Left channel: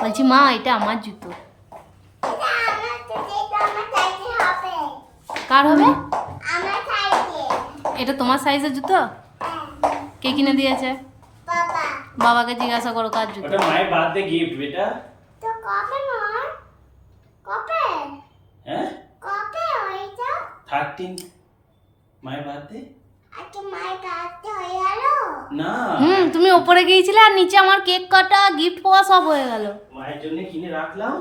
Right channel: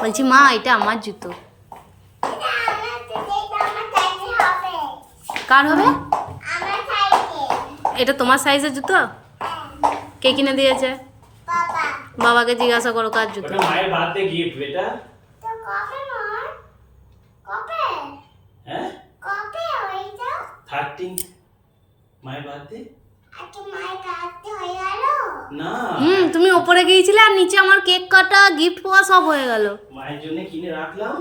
বলছি মা এটা আমার জুতো। এটা আমার তো যেটা আমার সাইজে হবে কার হবে? এটা তোমার সাইজের জুতো? কে কিনে দিয়েছে? বাবাকে জিজ্ঞাসা করো কার জুতো? ওটা মায়ের বার্থডে গিফট বেটা তো কবে মার কবে হ্যাঁ কবে ওইটা থার্টিন মায়ের বার্থডে আজকে মায়ের কাছে হয়ে গেল না হুম তুমি ওপরে গিয়েছিলে আর নিচে আমার কেক কাটা গিফট পাওয়া সব হয়ে গেল। মায়ের জন্য কিনে রাখলাম।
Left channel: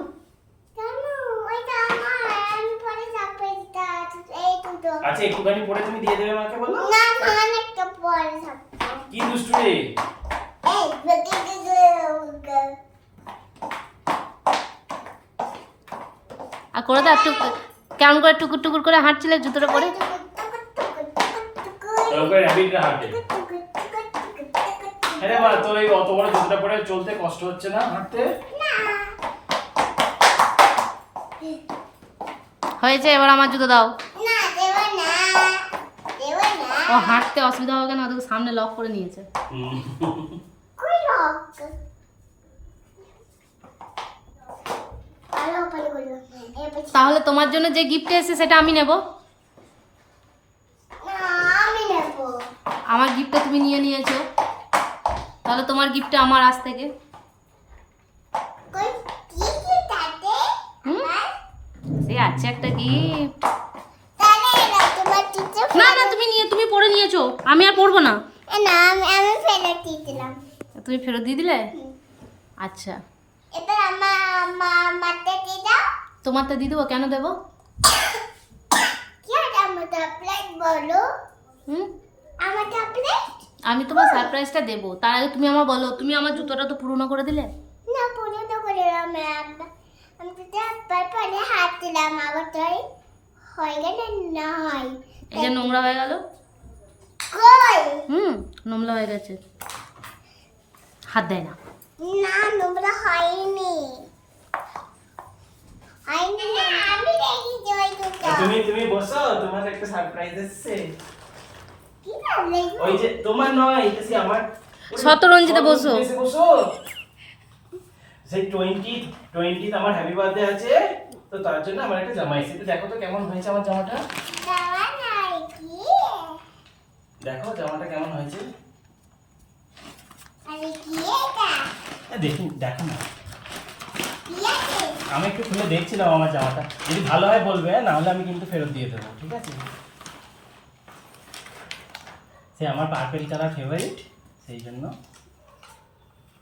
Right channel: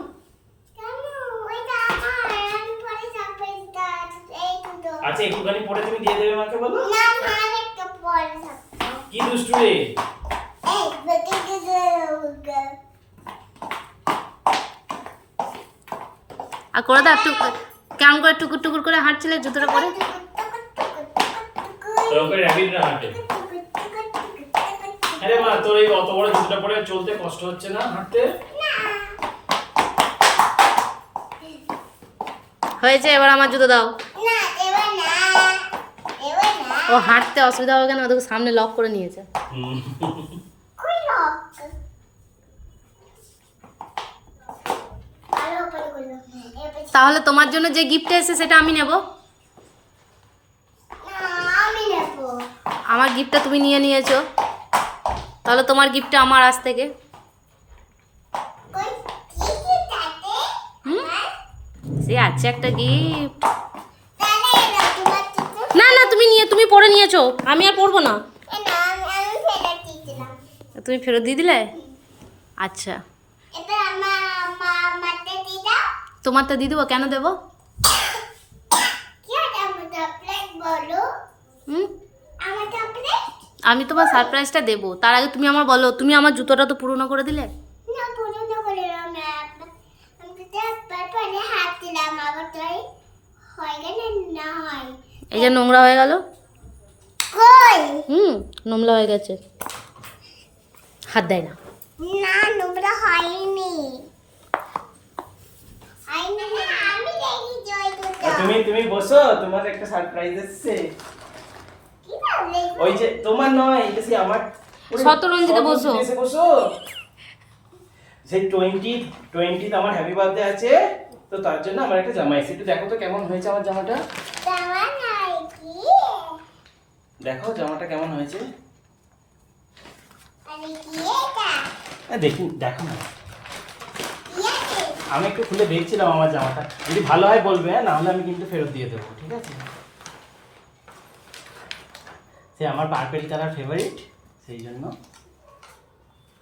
আচ্ছা একটুখানি পরে তুমি দিয়ে দেবে মাকে বলো? না না অনেকটা পরে কি দুষ্টু এই বুকে বুকে আর করে দাও একটু কেমন করে টুকুর টুকুর করে হাঁটছিলে জুতোটা পরে? হাঁটে। আরে মা তোর এই অত বড় জুতোটা পরে চলতে কষ্ট হচ্ছে না? হাঁটতে? হয়েছে এবার আমার জুতো দাও। না দেবা না দেবা না। ও হাঁটতে অসুবিধা হবে কেন? ওদের সামনে লক করে নিয়েছে। তাহলে তোমার জন্য যে গিফট এসেছে সেটা আমি নেব? না আমি নেব। আমার গিফটটা তুমি নিয়ে নিয়েছো। তাহলে তোমার গিফটটা আমার আজ থেকে। সে আছে একটা গিফট না না তুমি নিয়ে তুমি পরে নিয়েছো। আমি আর পরবো না। তুমি ফেরত দিয়ে দিলে? আচ্ছা। তোমারটা দিয়ে দেবো কেন দেবো? হুম? আমি তোমার সারপ্রাইজটা দেবো। তার আগে তুমি আমার বলো তুমি আমার জুতোটা তো পুরনো করে দিলে? না পুরোনো করে ম্যাম। আমি তো ট্যাবলেট পরে হাত দিলাম আবার তাই গেলে না এই যে নোংরা হয়ে গেল? কই? হুম নোংরা হয়ে গেছে। হাত দেয় না। না নোংরা হয়নি। তুমি তুমি বসো তোমার একটা সারপ্রাইজ এসেছে। ওই যে তোমার নয় এটা সে আমার। শতরঞ্জিতে বসো। বসো। সেই টোয়েন্টি টোয়েন্টি আমার হ্যাপি বার্থডে আছে তো তার জন্য আমার একটা জামা এসেছে দেখো তো কেমন হয়েছে আমার জামাটা। দেখো জামাটা কেমন হয়েছে। দেখি দেখো না। আমি একটু খুলে দেখছিলাম আমার জামাটা। যদি ভালো হয় বলবে না হলে আমি কিন্তু ফেরত দিয়ে দেবো ঠিক আছে? সে আমার পার্পেল কালার ফেভারিট সেই জন্য।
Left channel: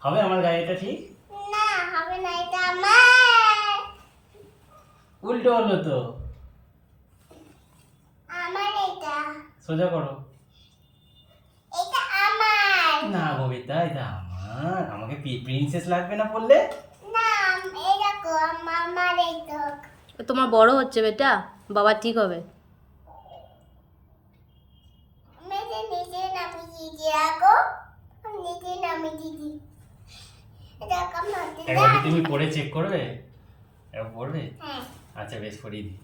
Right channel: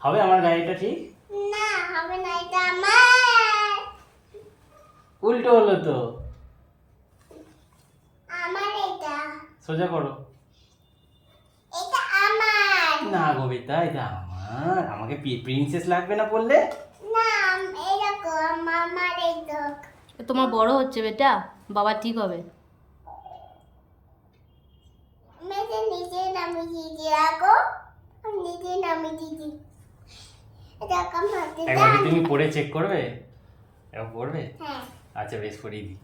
হবে আমার গাড়িটা ঠিক? না হবে না এটা আমার। উল্টো হলো তো। আমার এটা। সোজা করো। এটা আমার। না কবিতা এটা আমার। আমাকে প্রিন্সেস লাগবে না বললে না এরকম আমার এটা তোমার বড় হচ্ছে বেটা বাবা ঠিক হবে মেয়েদের নিচে নামি দিদি আগো নিচে নামি দিদি এটা কম হতে একবার কি তুমি পরে চেক করবে? একবার পড়বে হ্যাঁ। আচ্ছা বেশ করেই দিই।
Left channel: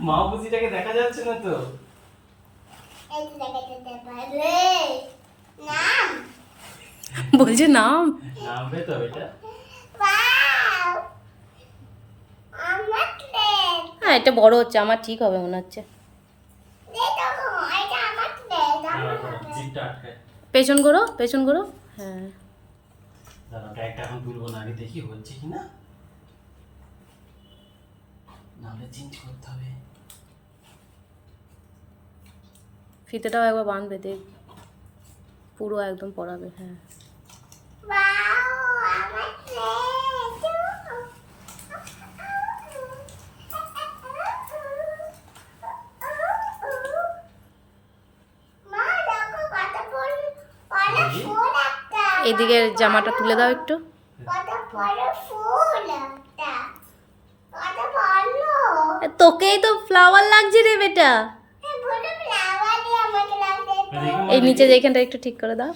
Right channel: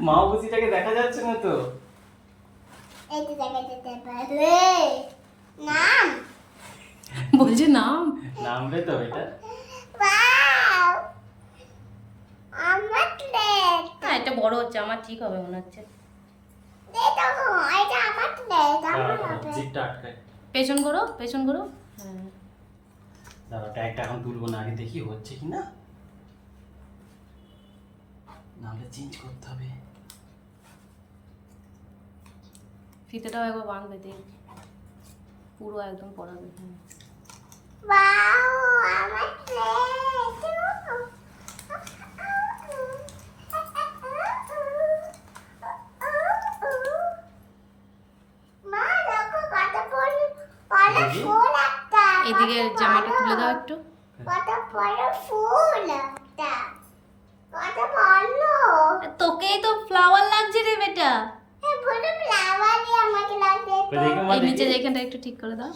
মাও বুঝিটাকে দেখা যাচ্ছে না তো? নাম? বলছে নাম। নামবে তো এটা। হ্যাঁ এটা বড় হচ্ছে আমার ঠিক হবে মনে হচ্ছে। জিপটা আটকায়। পেছন করো পেছন করো। হ্যাঁ। এখন তুলবো না আগে দেখি হচ্ছে কি না। নাহলে চেঞ্জ করতে হবে। ফিতেটাও একবার বাঁধবে দেখ। পুরো একদম পড়াবে। হ্যাঁ ওয়াও আমার প্লেট মা দেখো কত ফুল বড় দেখি। ফুল একটা এদিকে জামাটা তুলে দাও একটু। তোকেই তো ফ্লাওয়ার লাগছে রে বেটা। এই নিচে। যেখানটা একটু ঠিক করে দাও।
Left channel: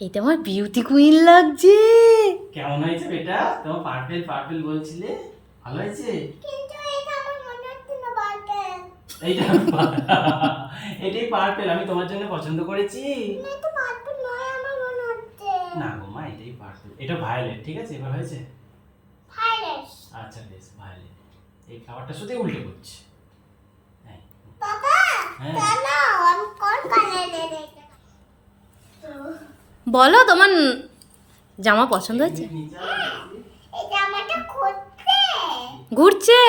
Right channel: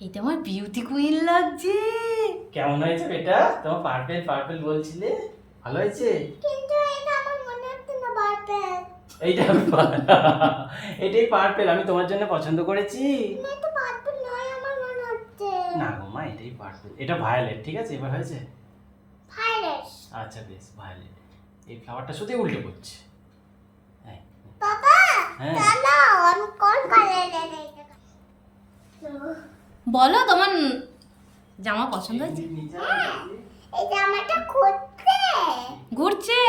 এটা আমার বিউটি কুইন লাগছে। কেমন হয়েছে বেটা? তোমার পার্পেল পার্পেল বলছিলে। ভালো হয়েছে কিন্তু এটা আমার মনে হচ্ছে না বার্থডে এইটা এটাই পার্পেল আমি তোমার জন্য পছন্দ করেছি। এটা পারবে নয় আমার মনে হচ্ছে। না গো মা এটাই পার্পেল। এটা ভায়োলেট ঠিক আছে? এবার হয়েছে? আচ্ছা বেশ ভায়োলেট। এই ফ্লাওয়ারটা শুধু উল্টে পড়ছে। হ্যাঁ। এটা বলো তোমার জামা পছন্দ হয়েছে? এই জামাটা ঘুরছে।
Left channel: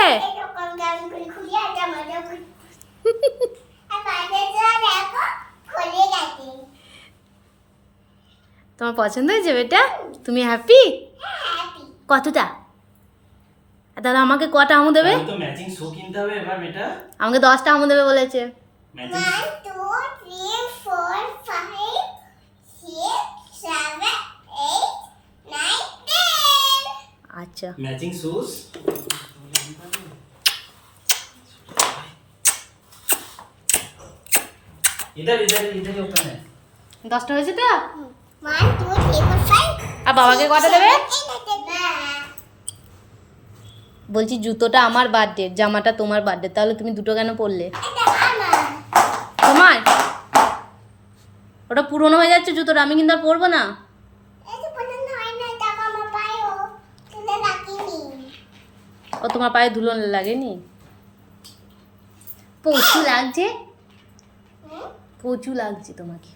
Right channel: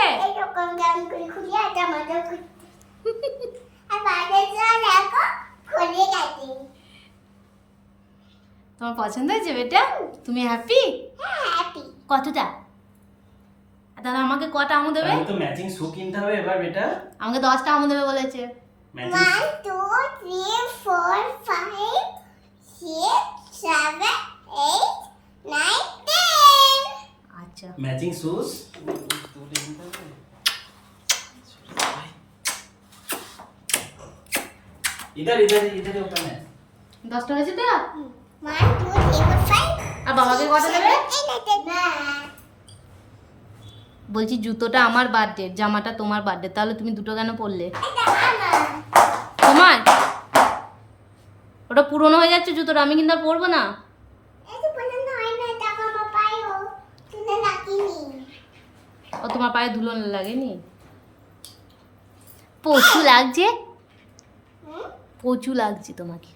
তোমার পছন্দ হয়েছে বেটা? তুমি হ্যাপি হ্যাঁ কতটা? তাহলে আমাকে কটা আমু দেবে? তো ম্যাচিং শু কিনতে হবে এবার বেটা। আমাকে দশটা আমু দেবে বলেছে। আচ্ছা। ম্যাচিং শুজ इधर इधर इधर होता है দশটা হয়েছে তো one two three four five আর বাবাকে কটা দেবে না বলছি জুতোটা আমার বার্থডে জামাটা তোমার বার্থডে তাহলে তুমি দুটো কেন পরলে এটা আমার তোমার ওটা পুরনো হয়ে যাচ্ছে জুতোটা আমি কিন্তু আর পরবো না এই যে পছন্দ হয় না টাকা আমার পায়েও তুলে রাখিনি ও তোমার পায়ে ধুলো লাগেনি পচু লাগছে হুম? পচু লাগছে তোমাকে।